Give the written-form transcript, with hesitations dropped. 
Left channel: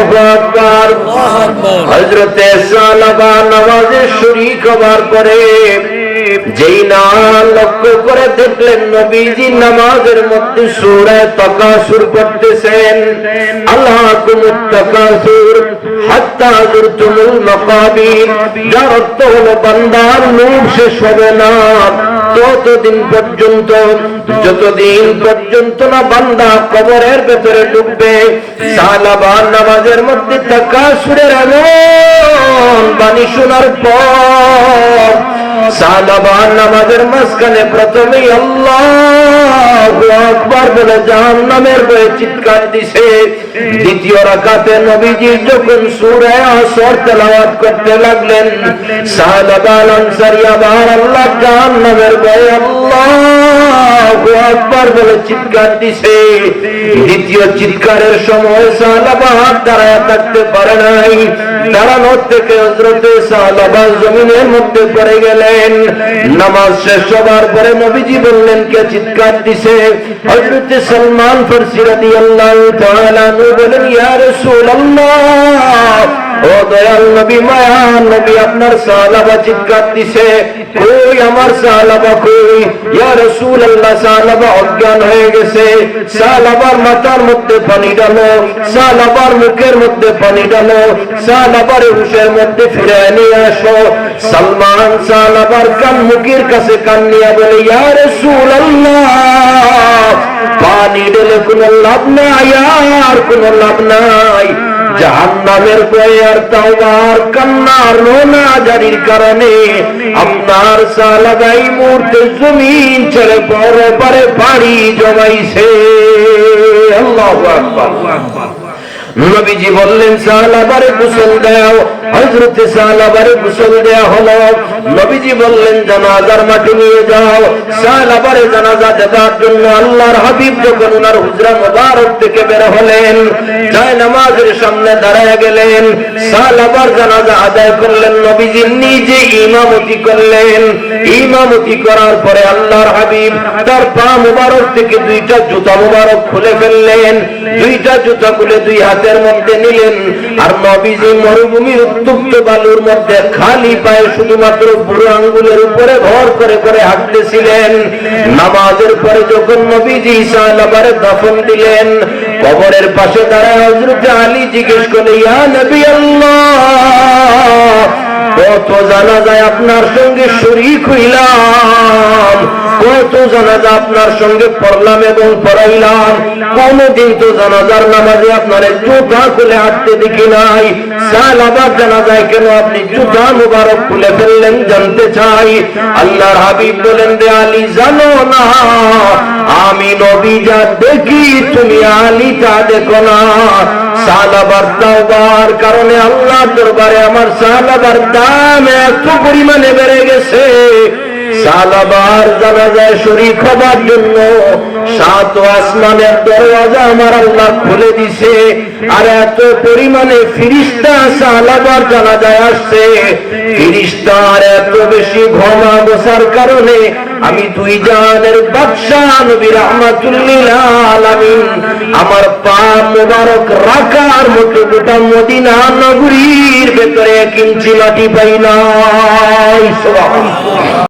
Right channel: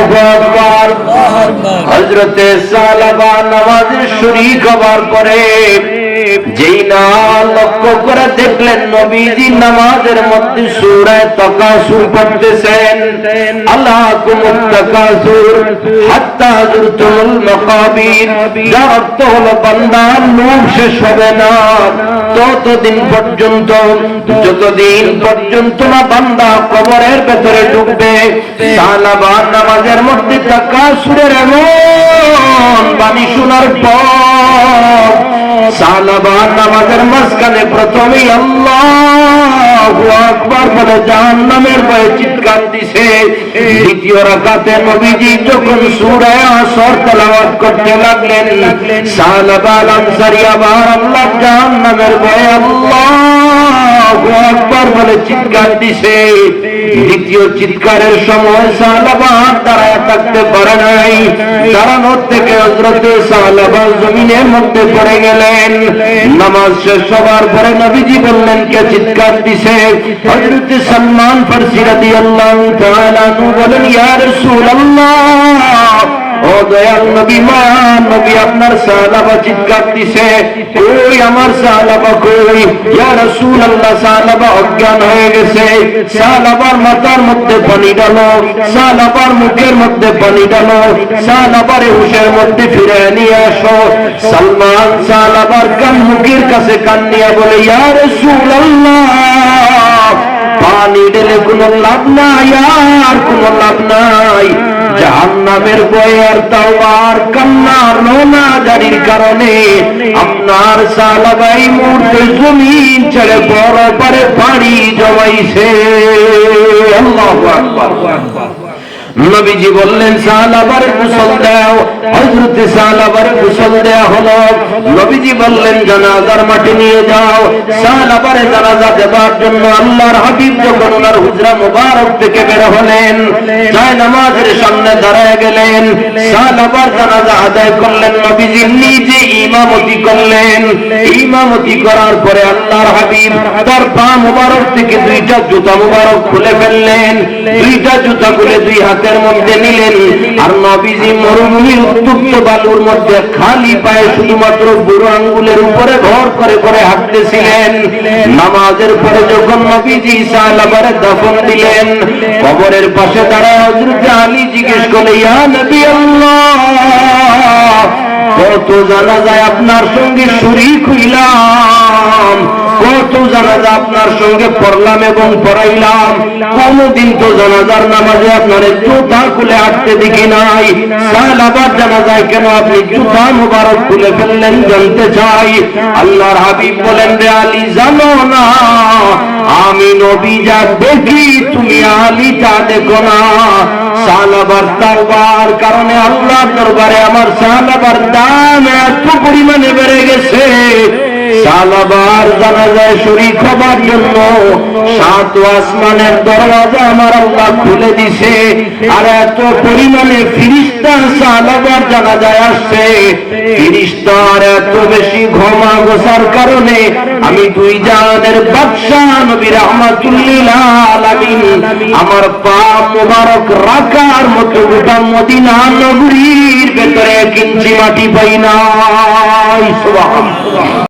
আল্লাহু আকবার। হযরতে সালাবা নামাজে শরীক হওয়ার পরে যেই না লক্ষ্য করে দেখলেন নবীজি নামাজের মধ্যে সূরা তাকাসুর পড়তেছেন। আল্লাহুমুত তাকাসুর হাত্তা যুরতুমুল মাকাবির। যার অর্থ হলো বান্দার লোভ শেষ হবে না ততদিন পর্যন্ত, যতদিন পর্যন্ত না বান্দা কবরের ভেতরে ঢুকবে। সালাবা নামাজের মধ্যে তাকাসুরের এমন বাণী শোনার পর সালাবা নামাজের মাঝখানে প্রথমেই আল্লাহু আকবার বলে জাহান্নামের ভয়ে চিৎকার দিছে। দ্বিতীয় রাকাতে নবীজি যখন সূরা আসর তেলাওয়াত করতে লাগলেন, সালাবা আনসারী আবার আল্লাহ জাহান্নামের ভয়ে আল্লাহু আকবার বলে চিৎকার দিছে। দ্বিতীয় চিৎকারের সময় সালাবা দাঁড়ায় থাকতে পারে নাই। দাঁড়ানোর থেকে হযরতে সালাবা জমিনের মধ্যে পড়ে গেলেন। নামাজ শেষ হবার পরে নবীজি বললেন, কে চিৎকার দিছে? হযরতে সালমান ফারসি রাদিয়াল্লাহু তাআলা আনহু বলেন, ইয়া রাসূলুল্লাহ, ও দয়াল নবী, মায়া নবী, আপনার সাহাবা চিৎকার দিছে। কই আমার সাহাবা কই? ইয়া রাসূলুল্লাহ, সাহাবা অজ্ঞান হয়ে গেছে। সাহাবার মাথার মধ্যে পানি ঢালো, সাহাবার মুখের মধ্যে পানি ঢালো, সাহাবার হুশের মধ্যে ফিরে নিয়ে আসো। সালমান সাহাবার কান মুখের কাছে কান নিয়ে বলে, ইয়া রাসূলুল্লাহ, পানি ঢেলে কোনো লাভ নাই, আর কোনো লাভ নাই। জাহান্নামের ভয়ে আর তাওবার কান্নার রোনা জারির কারণে আপনার সালাবাই মুহূর্তে জমিন ছেড়ে বড় পারে পানি জমাইছে। আল্লাহু আকবার। নবীজি বললেন, সাহাবারে গোসল দাও। হযরতে সাহাবারে গোসল দেয়া হলো। নবীজি বললেন, জানাজার মাটি নিয়ে যাও। সাহাবারে জানাজা দেবার জন্য আল্লাহর হাবিব যখন ওনার হুজরা মুবারক থেকে বের হলেন, যায় নামাজের সামনে দাঁড়ায় গেলেন। সাহাবার জানাজা আদায় করলেন, নবীজি নিজে ইমামতি করলেন। ইমামতি করার পরে আল্লাহর হাবিব তার পা মুবারক থেকে দুইটা জুতা মুবারক খুলে ফেললেন। দুইটা জুতা খুলে দুই হাতের মধ্যে নিলেন। আর নবীজি মরুভূমির উত্তপ্ত বালুর মধ্যে খালি পায়ে শুধুমাত্র বুড়ো আঙ্গুলের উপরে ভর করে করে হাঁটতেছিলেন। নামাজের পরে যখন নবীজি সাহাবারে দাফন দিলেন, কবরের পাশে দাঁড়ায় হযরত আলী জিজ্ঞেস করলেন, ইয়া নবী আল্লাহ, কত জানাজায় আপনার সঙ্গে শরীক হইলাম, কত জানাজা আপনার সঙ্গে পড়লাম এবং পড়াইলাম, কোনদিন তো জানাজার নামাজে আপনার জুতা খুলে হাঁটতে দেখি নাই। সাহাবার জানাজায় কেন আপনি জুতা মুবারক খুলে ফেললেন জানতে চাই। আল্লাহর হাবিব বলেন, রে আলী, জানো না আমি নবী যা দেখি তুমি আলী তা দেখো না। সাহাবার তাওবার কারণে আল্লাহর দরবারে আমার সাহাবার দাম এত পরিমাণে বেড়ে গেছে। সাহাবার জানাজায় শরীক হবার জন্য 7 আসমানের দরওয়াজা আমার আল্লাহ খুলে দিছে। আর এত পরিমাণে ফেরেশতা সাহাবার জানাজায় আসছে। ফেরেশতার এত বেশি ঘমা গোছার কারণে আমি দুই জাহানের বাদশা নবী রাহমাতুল লিল আলামিন আমার পা মোবারক রাখার মতো গোটা মদিনা নগরীর ভেতরে 1 ইঞ্চি মাটি পাই নাই। সুবহানাল্লাহ।